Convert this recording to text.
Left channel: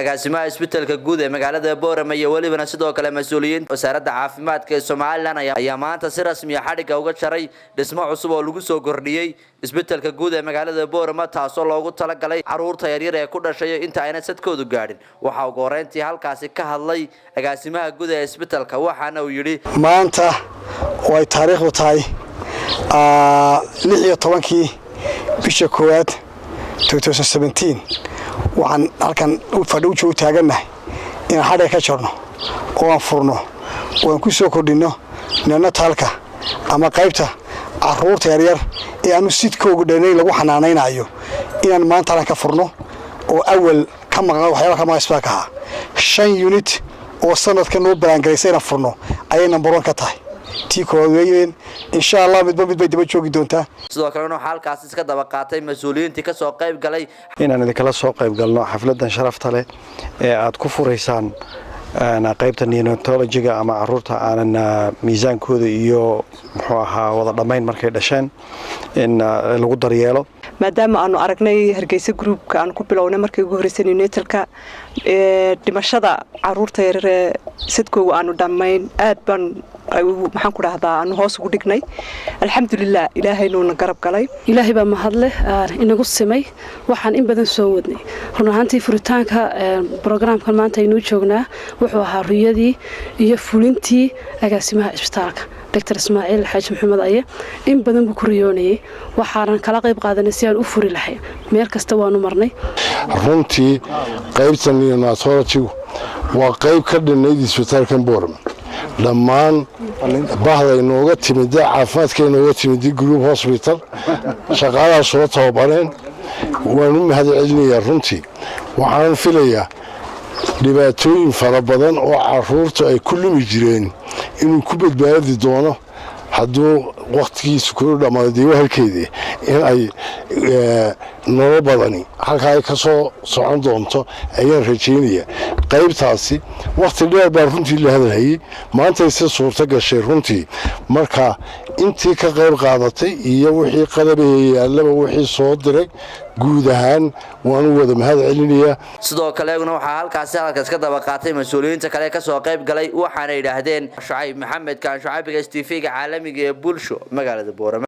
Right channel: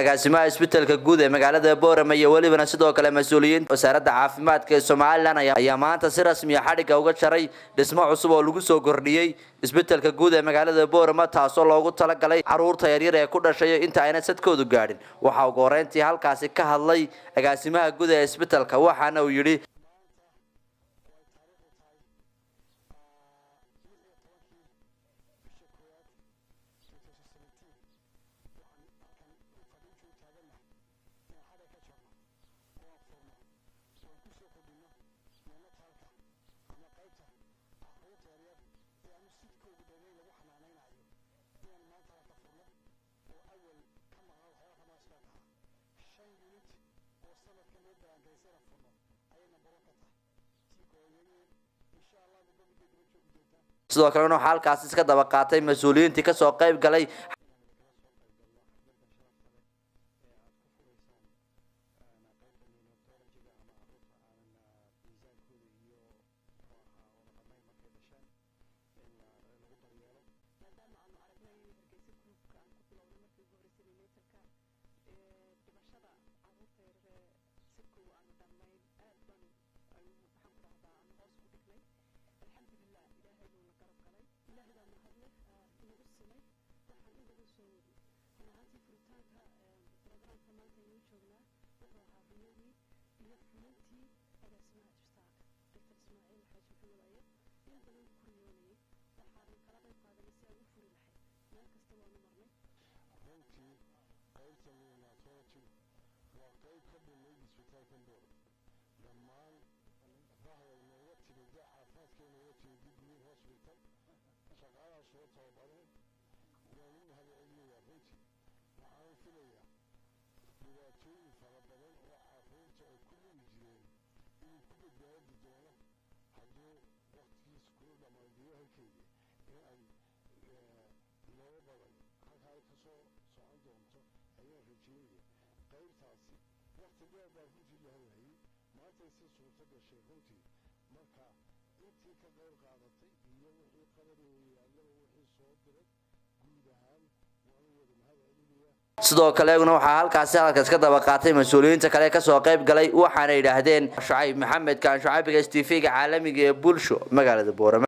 agaasimaha isbitaalka guud ee magaalada Boorama iyo walibana sidoo kale mas'uuliyiin wasaaradda caafimaadka ee Soomaaliland ayaa maanta si rasmi ah xadhiga uga jaray dhismo cusub oo lagu soo kordhiyay isbitaalka guud ee magaalada Boorama taasoo loogu talagalay caruurta yaryar ee ku dhashay inta ayna sadkoodu gaadhin waxa uu gooreyntii halkaasi ka hadlay agaasimaha guud ee isbitaalka waxaana uu yiri maanta way taariikhdu tahay 16 bisha koowaad 2017 waxaan halkan u fadhiyo taaganahay in xadhiga ka jarno oo aan furno oo aan ku soo kordhino neonatalka ama qaybta caruurta yaryar ee aanu sidkoogu dhanay lagu xanaaneynayo inaan maanta ka furno oo awal ka maqan waxyaabo kama isbaaka 5 unit oo sanadkan loo balangareysay furno ayay number 1 ka tahay tii koowaad insha Allah mid bay daba joogi doontaa sidoo kale waxa halkaas iska daba qaatay mas'uuliyiintii ka soo qayb galay inaan idin kala soo qayb galno xafladan sharafta leh ee aad ku fureysaan qaybta neonatology-ga ama caruurta aanan miisaankooda iyo muxuu ahaa wada dhameyn markay dhasheen in lagu daryeelo maadaama aanu aragnay Hargeysa groupka aan ku bilownay markii ugu horeysay neonatalka dhimashada caruurta yaryar ee sidkooda aanu dhameyn aad baan maxaan ku raahdaa aan hoos ugu dhignay alxamdulillah ilaahayna uu garab galay ilaahay baa mahad leh inagu simay waxaan in badan soo wadnay run ahaantii furitaanka barnaamijkan maanta aynu joognaa wuxuu ahaa riyadii iyo fulintii agaasimaha isbitaalka Dr. Ismaaciil Xaaji Maxamed Aye in badan buu ku riyoonayay waxaan kala qayb qaadanay si aan u furi lahayn meel kasta waanu marnay runtii qaybta neonatology waa qayb ka dhannayd isbitaalka Boorama dhammaan bahda inooga timid caafimaadka inooga timid group hospital shaqaalaha soo tababareen waan u mahadcelinayaa runtii waxaan filayaa dhibaatooyin fara badan oo caruurta ay ku lumi jireen inuu ku badbaadi doono hadduu waqtigiisu ku dhamaado halkeedii in ay nolol badani halka ay ka soo socon doonto ayaan rajaynayaa qaybtaasi waqti dheer baa runtii la hadlayay maanta si suurta gashay runtii marka intii ka qayb qaadatay iyo wixii qalabeeyay wixii soo diray guud ahaan waan wada mahadcelinayaa sidoo kale waxa halkaas ka daba qaatay mas'uuliyiinta kale ka soo qayb galay waxaana yiraahdeen Shucayb Maxamed kan Shucaybiga TV-ga caalamiga ee bulsho magaalada Boorama